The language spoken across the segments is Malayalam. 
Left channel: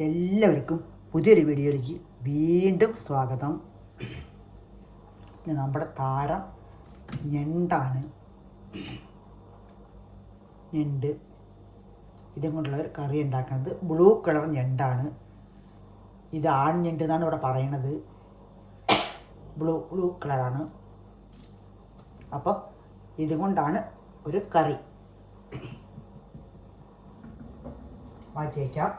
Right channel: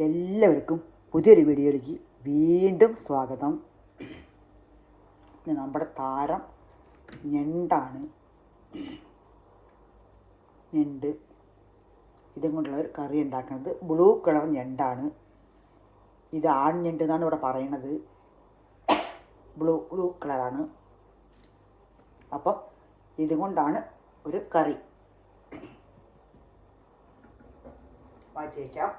എല്ലാവർക്കും പുതിയൊരു വീഡിയോയിലേക്ക് വീണ്ടും സ്വാഗതം. നമ്മുടെ താരം ഞണ്ടാണ്. ഞണ്ട് ഇതും കൊണ്ടുള്ള ഒരു കറി ഉണ്ടാക്കുന്നത്. ബ്ലൂ കളർ ഞണ്ടാണ്. ഇത് ആൺ ഞണ്ട് എന്നാണ് ഇവിടെ പറയുന്നത്. ബ്ലൂ കളറാണ്. അപ്പം ഇതുകൊണ്ടാണ് ഒരു കറി. മാറ്റി വയ്ക്കാം.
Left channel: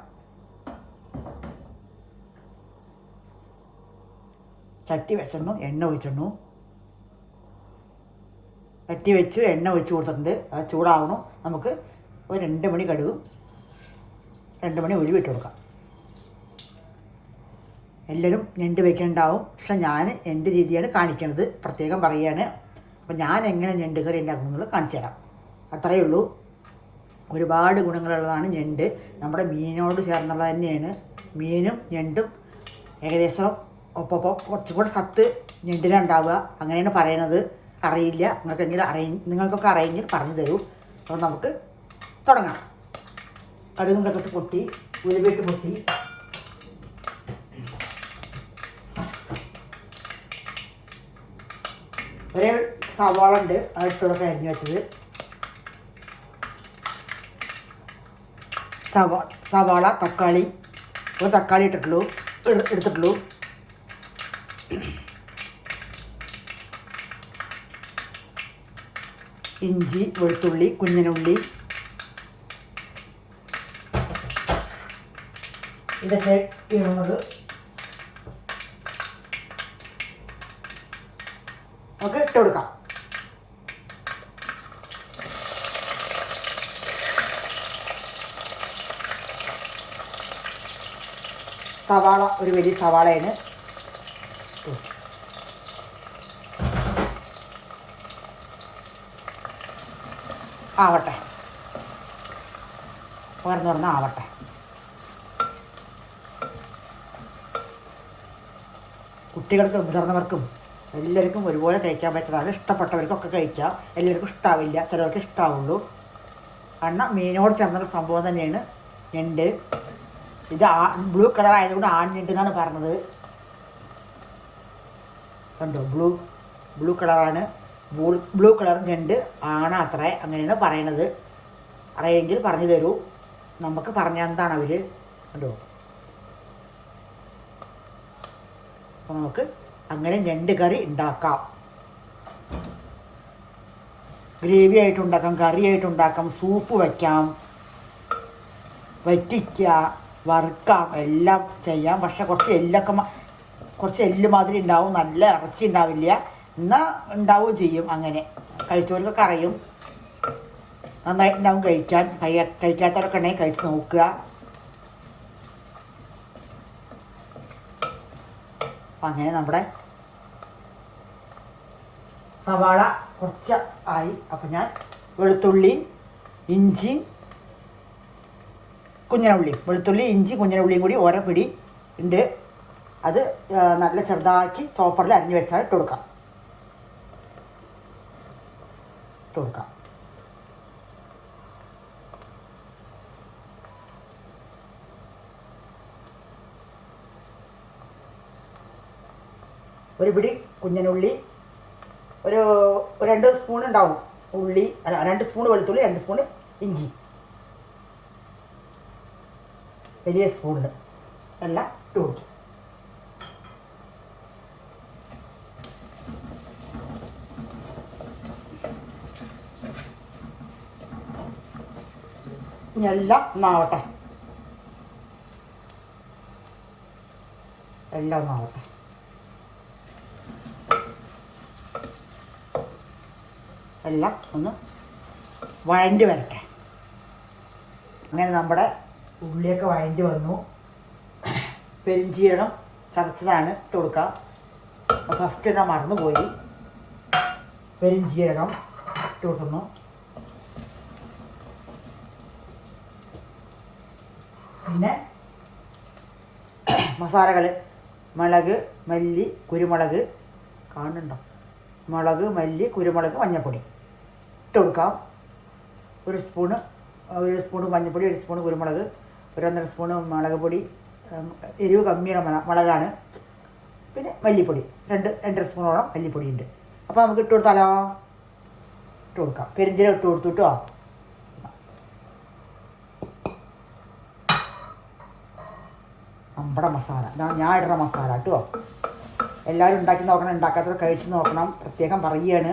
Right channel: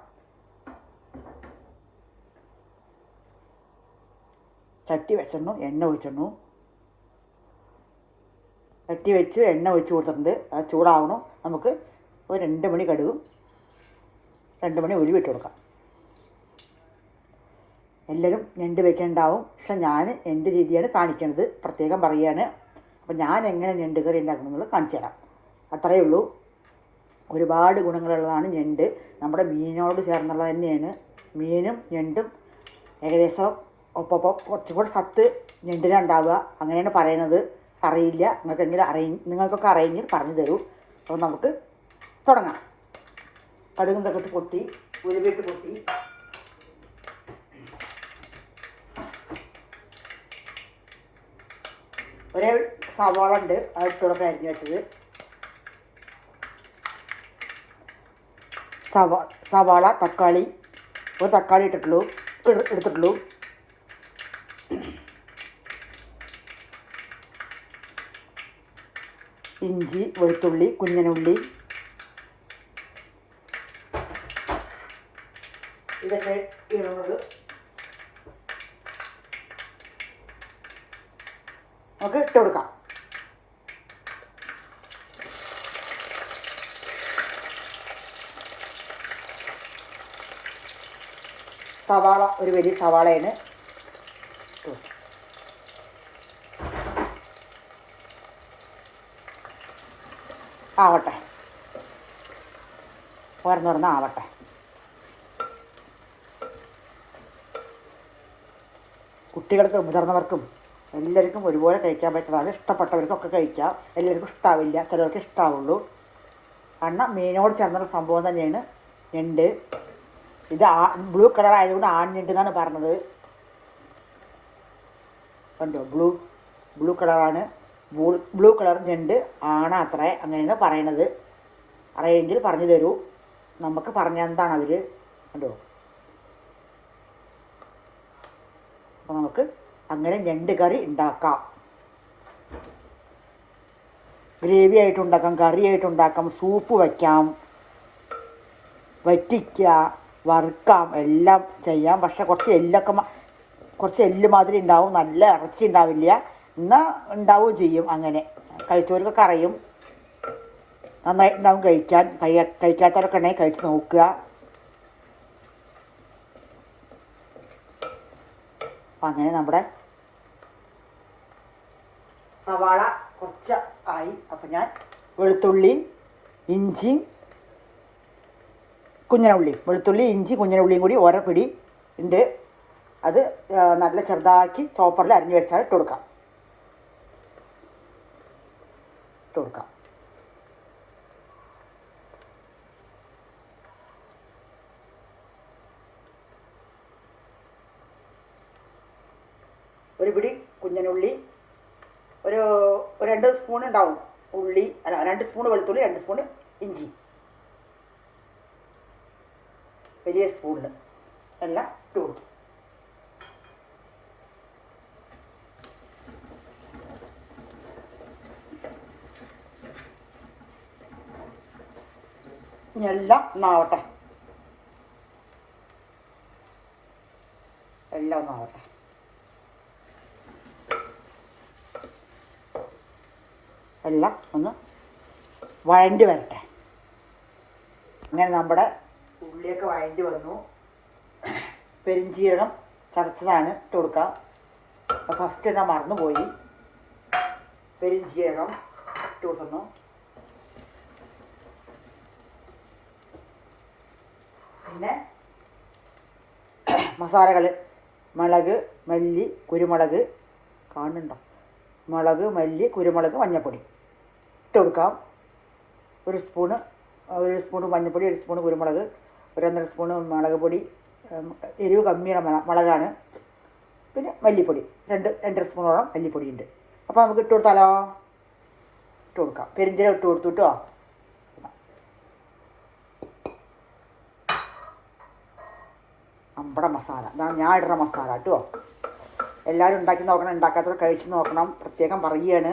ചട്ടി വെച്ചിടണു, എണ്ണ ഒഴിച്ചിടണു. ചട്ടി വെച്ച് എണ്ണ ഒഴിച്ച് കൊടുത്തിട്ടുണ്ട്. അത് ചൂടാവണം. നമുക്ക് ഒരു 2 മണി കടുകും 2 മണി ഉലുവ ഇട്ട് കൊടുക്കാം. എല്ലാവരും ഞണ്ട് വയ്ക്കുന്നുണ്ടാവും, പക്ഷെ ഞാൻ എൻ്റെ രീതിയാണ് കാണിക്കണത്, പ്രത്യേകം പറയുകയാണ്. അപ്പം ഞാൻ എങ്ങനെ ഞണ്ട് കറി ഉണ്ടാക്കുന്നത് കാണിച്ചു തരാം. അത്രയേ ഉള്ളൂ. ഒരുപാട് ഗുണങ്ങളുള്ളതാണ് ഞണ്ട്. നമ്മുടെ മീനോട് ചേർന്നുള്ളത് തന്നെയാണ്. മീനും ഞണ്ടും ഏകദേശം ഒപ്പം കുറച്ചും കൂടെ സത്ത് ഞണ്ടിലുണ്ടാവുക, അങ്ങനെയാണ് പറയണത്. അറിയില്ല, നിങ്ങൾക്കൊക്കെ അറിയെങ്കിൽ പറഞ്ഞു തരൂ. അപ്പോൾ നമുക്ക് തുടങ്ങാം. കടുകും കട്ടിട്ട് പൊട്ടി, ഉലുവയിട്ട് പൊട്ടി. ഒരേ സവാള ഉണ്ട്, അതിട്ടൊക്കെ അരിഞ്ഞ് വെച്ചത്. സവാള, തക്കാളി, ഒരു തക്കാളി എടുത്തിട്ടുള്ളൂ. ഇഞ്ചി, വെളുത്തുള്ളി, കുഞ്ഞനുള്ളി, ഇതൊക്കെ ഇടുന്നത്. നമുക്ക് ഇട്ട് കൊടുക്കാം. സവാള ഒരു വലിയ സവാളയാണ്. ആവട്ടെ, ആവട്ടെ. കുട്ടികൾക്കും മുതിർന്നവർക്കും എല്ലാവർക്കും ഒരുപോലെ കഴിക്കാൻ പറ്റുന്നതാണ്. ഇഷ്ടപ്പെട്ടവർക്കൊക്കെ കഴിക്കാം. എല്ലാവർക്കും ഇഷ്ടാവില്ല, ചിലവർക്ക് ഇഷ്ടാവുള്ളൂ. കാരണം മീനോട് ചേർന്നുള്ള സംഭവം തന്നെയാണ് ഞണ്ട്. ഇത് ബ്ലൂ കളർ ആയതുകൊണ്ട് ആൺ ഞണ്ട് എന്നാണ് പറഞ്ഞത്. കണ്ടോ, ബ്ലൂ കളറാണ്. ബ്ലൂ കളർ ഞണ്ട് ആണത്രേ, അങ്ങനെയാണ് പറയണത്. അറിയെങ്കിൽ പറഞ്ഞു തരൂ. നമുക്ക് പറഞ്ഞെന്താണ് അവർ. കണ്ടോ, അപ്പോൾ നമുക്ക് അങ്ങനെ ഞണ്ട് കറി ഉണ്ടാക്കാം. ഗ്രേവി ആയിട്ടുണ്ടാക്കാം, കറി ആയിട്ടുണ്ടാക്കാം, സൂപ്പ് വയ്ക്കാം, വറ്റിക്കുക, വറുക്കാം, എല്ലാം ചെയ്യാം. പക്ഷെ കുറച്ച് എല്ല് മാതിരി ഉണ്ടാവും, നല്ല ഇറച്ചി ഉണ്ടാവില്ല. എന്നാൽ ഉണ്ടാവുകയും ചെയ്യും. അങ്ങനെ കഴിച്ചവർക്കൊക്കെ അറിയും. നന്നായിട്ടുണ്ടാവും കഴിക്കാൻ. കഴിക്കാത്തവരൊക്കെ ഉണ്ടെങ്കിൽ കഴിച്ച് നോക്കുക. അപ്പം അങ്ങനെ നമ്മുടെ സവാള കുറച്ച് ആയി. അപ്പം ഞാൻ വെളുത്തുള്ളിയും ഇഞ്ചിയും കുഞ്ഞനുള്ളിയും കൂടി ഓരോ പിടി ഉണ്ട്. അത് നല്ല ചെറുതാക്കി ചോപ്പറിൽ അരിഞ്ഞ് വെച്ചാൽ ഇട്ട് കൊടുക്കാം. ഒരു പിടി കുഞ്ഞനുള്ളി, ഒരു 2 സ്പൂൺ ഉണ്ടാവും ഉള്ളി, 2 സ്പൂൺ വെളുത്തുള്ളി, 2 സ്പൂൺ ഇഞ്ചി, വലിയ സ്പൂണിൽ എല്ലാം ഇട്ട് കൊടുത്തു. ഇനി എല്ലാം ഒന്നാവട്ടെ. എല്ലാം ഒന്ന് വഴണ്ടി വരട്ടെ. അങ്ങനെ നമ്മുടെ ഉള്ളിയൊക്കെ വഴണ്ടി വന്നു. പെരിഞ്ചീരകം ചതച്ചതാണ് ഇട്ട് കൊടുക്കാം. ഫസ്റ്റ് ഞാൻ മറന്നുപോയി. പെരിഞ്ചീരകം ഇട്ട് കൊടുക്കുന്നു. പിന്നെ മസാലകൾ: മുളക്, മല്ലി, കുരുമുളക്, കാണുന്നുണ്ടോ? മുളക്, മല്ലി, കുരുമുളക്, മഞ്ഞൾപ്പൊടി ഇട്ട് കൊടുക്കാം. ഒരു സ്പൂണ് മഞ്ഞൾപ്പൊടി, 1 സ്പൂണ് കുരുമുളക്, 1 1/2 സ്പൂണ് മുളക് പൊടി, എരിവ് കമ്മിയുള്ള മുളകാണ്. പിന്നെ മല്ലിപ്പൊടി 2 സ്പൂണോളം മല്ലിപ്പൊടി ഉണ്ട്. അപ്പോൾ നമുക്ക് ഇട്ട് കൊടുത്താലോ? ഇട്ട് കൊടുക്കാം. പെരിഞ്ചീരകം ഇട്ട് കൊടുത്തു കേട്ടോ. നമ്മുടെ മസാല ഇതാണ് ഞാൻ ഇടുന്ന മസാല കേട്ടോ. എല്ലാവരും ഉണ്ടാക്കി നോക്കണം, ഉണ്ടാക്കാത്തവർ കഴിച്ച് നോക്കണം. പ്രത്യേകം പറയുകയാണ്,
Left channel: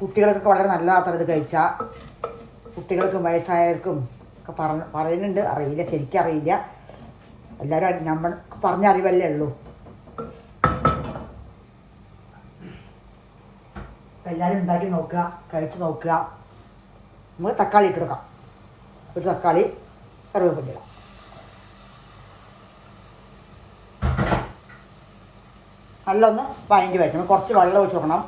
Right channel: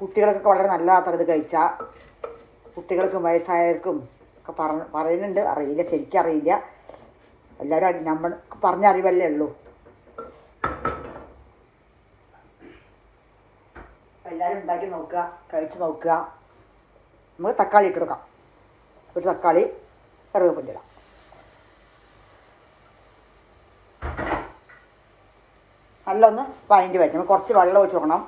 കുട്ടികൾക്കൊക്കെ വളരെ നല്ലതാത്ര ഇത് കഴിച്ചാൽ. കുട്ടികൾക്കും വയസ്സായവർക്കും ഒക്കെ പറയുന്നുണ്ട്. അറിയില്ല, ശരിക്കും അറിയില്ല. എല്ലാവരും നമ്മൾ പറഞ്ഞ അറിവല്ലേ ഉള്ളൂ. എല്ലാവരും ഉണ്ടാക്കി നോക്കുക, കഴിച്ച് നോക്കുക. നമുക്ക് തക്കാളി ഇട്ട് കൊടുക്കാം. ഒരു തക്കാളി, കറിവേപ്പില. നല്ല ഒന്ന് വഴണ്ടി വയ്ക്കണം. കുറച്ച് വെള്ളം ഒഴിച്ച് നോക്കണം.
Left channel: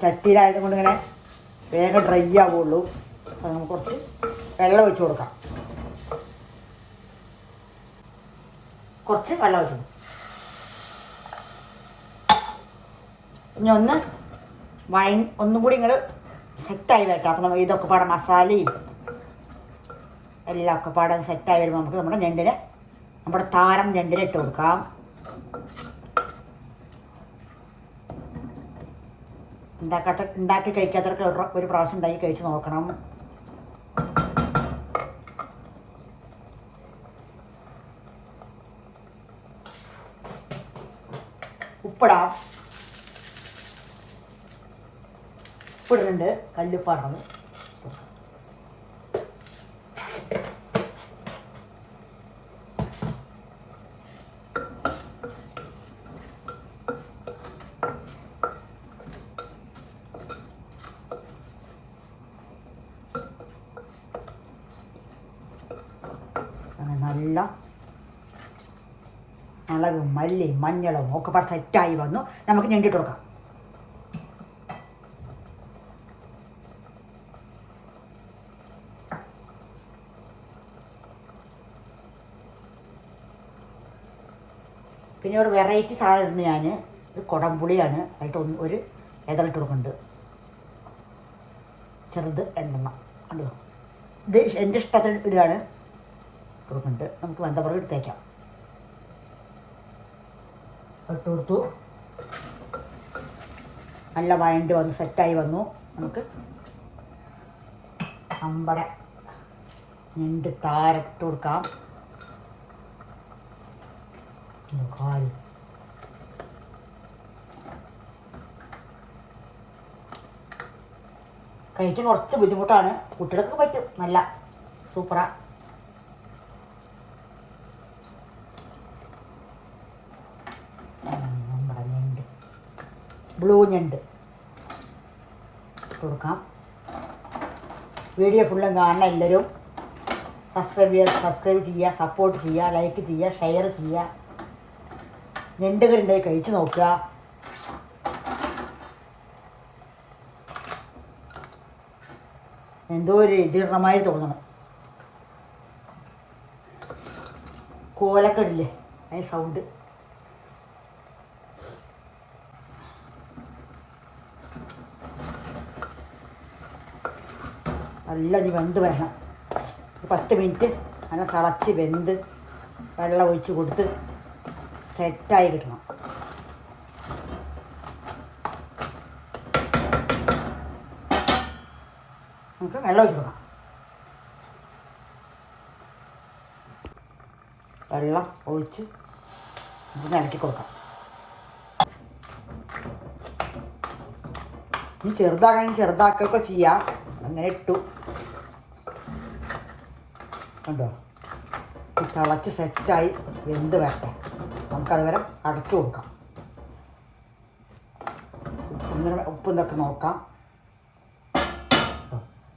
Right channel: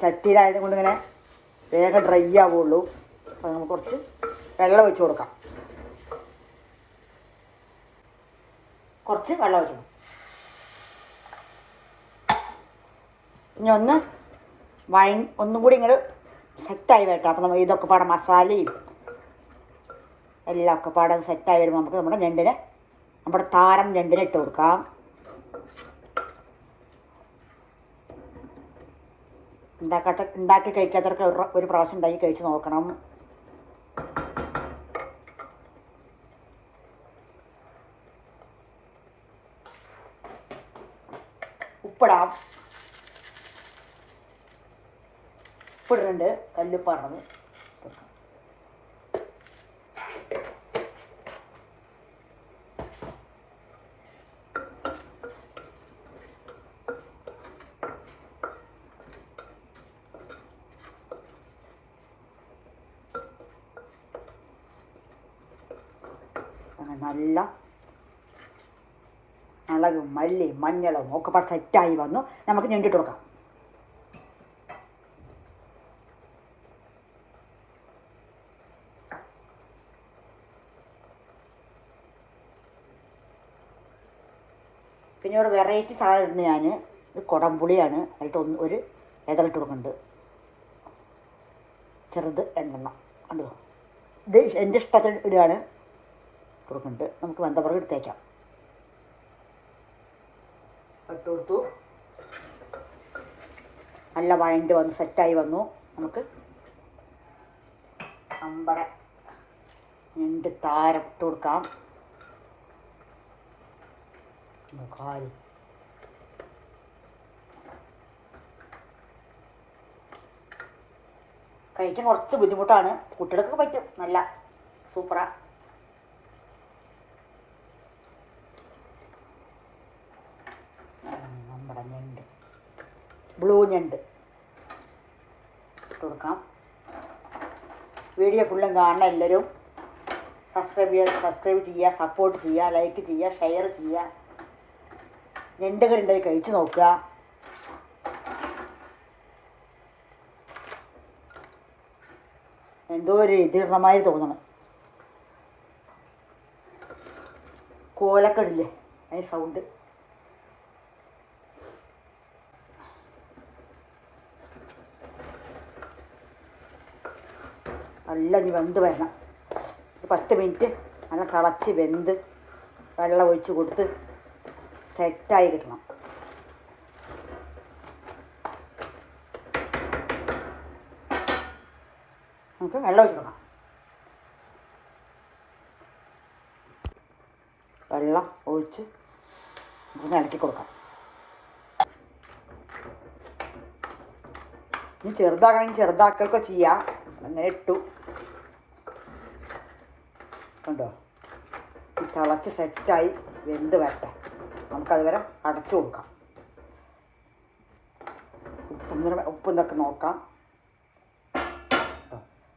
ചട്ടിയിലായത് കൊണ്ട് ഇങ്ങനെ വേഗം ഡ്രൈ ആവുള്ളൂ. അപ്പോൾ നമുക്ക് കുറച്ച് വെള്ളം ഒഴിച്ച് കൊടുക്കാം. കുറച്ച് വെള്ളം ഒഴിച്ചു. ഇനി ഒന്നും കൂടി ഇങ്ങോട്ട് സെറ്റായി വരട്ടെ. അപ്പോൾ നമ്മൾ ഇതൊക്കെ പാടെ മസാലയും എല്ലാം ഒക്കെ പാടെ സെറ്റായി വരുമ്പോൾ നമുക്ക് നമ്മുടെ താരം ഞണ്ടിനെ ഇട്ട് കൊടുക്കാം. ഉണ്ടാക്കി കഴിക്കാത്തവർക്ക് ഒരു പ്രാവശ്യം ഉണ്ടാക്കി കഴിച്ച് നോക്കണം. ഉപ്പിടാം. ഉപ്പിടുന്നുണ്ട്, കല്ലുപ്പാണ്. നല്ല മുളകും മല്ലിയും മഞ്ഞളും ഒക്കെ പാടെ സെറ്റായി വന്നു. നമുക്ക് ഞണ്ടിട്ട് കൊടുക്കാം. പിന്നെ ഒരു വെറൈറ്റി സാധനം ഉണ്ട്. ഞാൻ ഇത് കുടംപുളിയാണ്. അതിട്ട് ഒരു ഇതളിട്ട് കൊടുക്കുന്നുണ്ട്. ചെറുത് 2 കണ്ടോ. ഇത് എൻ്റെ ഇഷ്ടത്തിന് ഇടുകയാണ് കൊടുക്കുന്നുണ്ട്. നമുക്ക് വെന്തപ്പുറം എടുത്തേക്കാം. ഇട്ട് കൊടുത്തു. നല്ല വഴണ്ടി വന്നു, സെറ്റായി വന്നു. നമുക്ക് നമ്മുടെ ഞണ്ട് താരട്ട് കൊടുക്കാം. കാല് കഴിക്കാൻ കുറച്ച് ബുദ്ധിമുട്ടാണ്. കുട്ടികൾക്ക് പറ്റും. നല്ല സൂപ്പറാ. നമ്മുടെ ഞണ്ട്, ബ്ലൂ ഞണ്ട് കൊടുക്കാം. വീഡിയോ ഫുള്ളും കാണണം. എല്ലാവരും സബ്സ്ക്രൈബ് ചെയ്യുക, സപ്പോർട്ട് ചെയ്യുക, ലൈക്ക് ചെയ്യുക, ഷെയർ ചെയ്യുക. ഞണ്ട് കറി ഉണ്ടായി കഴിച്ച് നോക്കുക. എന്തോ ഒരു ഇതിടണമായി തോന്നണം. കോലക്കടില്ലേ അതിന് സൗണ്ട്. നല്ല ഇനി വെന്ത് വരണം. 10 മിനിറ്റ് അങ്ങനെ തിളച്ച് വെന്ത് വെള്ളം ഒഴിച്ച് കൊടുത്ത് സെറ്റായി കിട്ടണം. നമുക്ക് വെള്ളം ഒഴിച്ച് കൊടുക്കാം. വെള്ളം ഒഴിച്ച് നമുക്ക് ഇളക്കി കൊടുക്കാം. ഇനി ചെറുതാകണമെങ്കിൽ ചെറുതാക്കുകയൊക്കെ ചെയ്യാം. അങ്ങനെ ഇട്ടു കണ്ടോ. തിളച്ച് സെറ്റായി വെന്ത് വരട്ടെ. നമുക്കത് വരെ അടച്ചു കൊടുക്കാം. ഉപ്പും ഇതൊക്കെ നോക്കാം.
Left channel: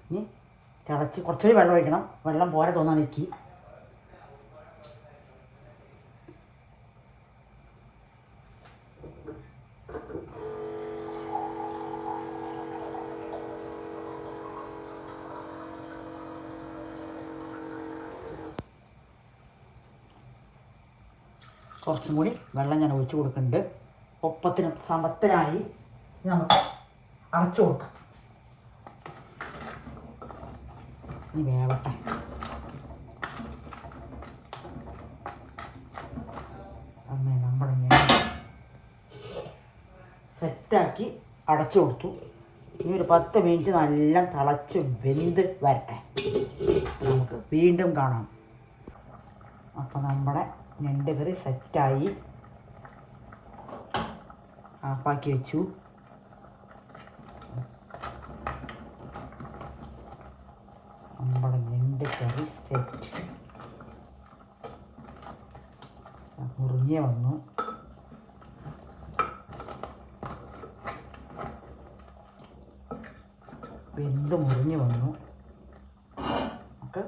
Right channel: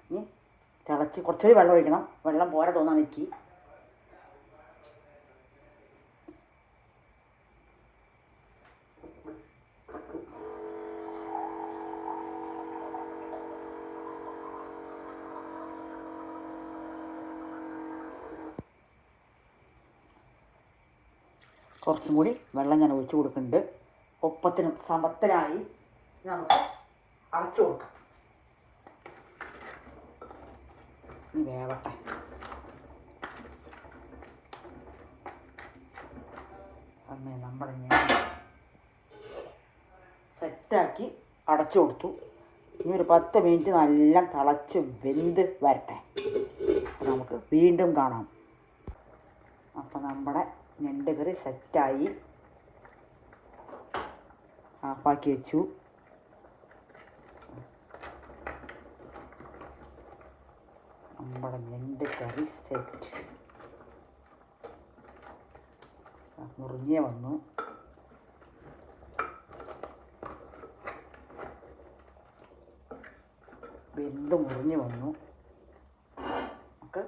ഇനി തിളച്ച് കുറച്ചൊരു വെള്ളം ഒഴിക്കണം. വെള്ളം പോരാ തോന്നാൻ എനിക്ക്. കുറച്ചും കൂടി വെള്ളം ഞാൻ ഒഴിച്ച് കൊടുക്കുന്നുണ്ട്. ഒപ്പത്തിനും സമത്തിനായി നമുക്ക് അടച്ചു കൊടുക്കാം. ഇനി വേവട്ടെ. സെറ്റാക്കി അടച്ചു കൊടുത്തു. ഇനി ഒരു 10 മിനിറ്റ് നല്ല തിളച്ച് വെന്ത് വരട്ടെ. നമുക്ക് വീണ്ടും കാണാം. അപ്പോൾ നമ്മുടെ ഞണ്ട് കറി സെറ്റായി. ആഫാക്കി വെച്ചു. നമ്മുടെ ഞണ്ട് കറി സെറ്റ്. മുറിഞ്ഞേ വന്നു. വെന്ത് മുറിഞ്ഞു വന്നു. നമുക്ക്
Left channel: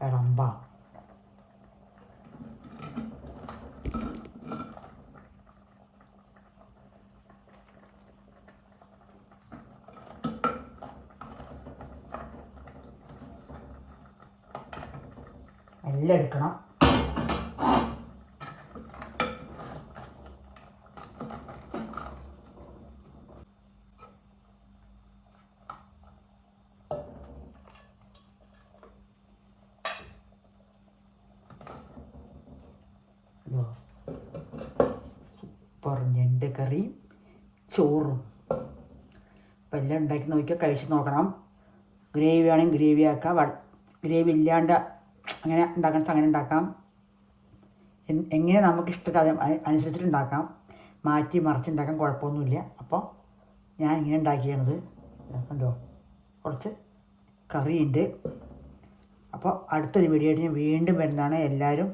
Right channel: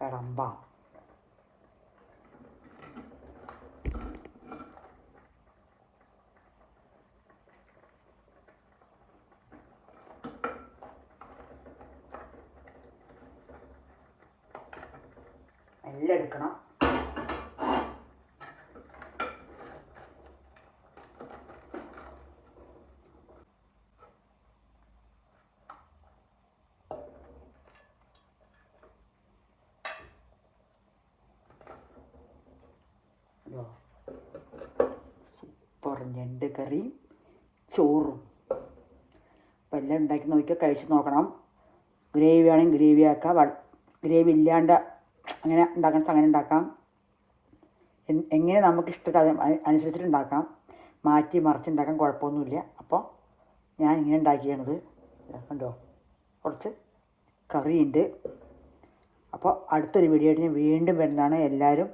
വിളമ്പാം. എല്ലാം എടുക്കണം. സൂപ്പർ ഞണ്ട് കറിയും ചോറും. അപ്പം എല്ലാം ഉണ്ടാക്കി നോക്കിയാൽ കഴിച്ച് നോക്കണം. ഗ്രേവി വേണമെങ്കിൽ ഗ്രേവി ആക്കാം. ഗ്രേവി ഇല്ലാണ്ട് അങ്ങനെ ഉണ്ടാക്കാൻ അങ്ങനെ ഉണ്ടാക്കാം. എങ്ങനെ നമുക്ക് ഇഷ്ടം അനുസരിച്ചിട്ട് ഉണ്ടാക്കാം. മാറ്റി മറിച്ചുണ്ടാക്കാൻ കുഴപ്പമൊന്നുമില്ല. അപ്പോൾ ഞാൻ ഇങ്ങനെ ഉണ്ടാക്കിയാണത്. കണ്ടോ, കുറച്ച് കറിയുണ്ട്. അപ്പോൾ അടുത്തൊരു വീഡിയോ ആയിട്ട് ഞാൻ വീണ്ടും വരുന്നതാണ്. എല്ലാവരും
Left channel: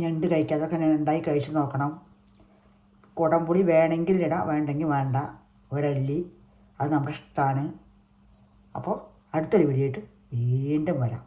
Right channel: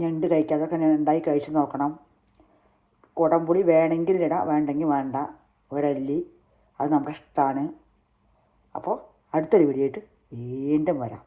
ഞണ്ട് കഴിക്കാതൊക്കെ ഞാൻ ഉണ്ടാക്കി കഴിച്ച് നോക്കണം. കുടംപുളി വേണമെങ്കിൽ ഇടാം, വേണ്ടെങ്കിൽ വേണ്ട. ഒരല്ലി, അത് നമ്മുടെ ഇഷ്ടമാണ്. അപ്പോൾ അടുത്തൊരു വീഡിയോ ആയിട്ട് വീണ്ടും വരാം.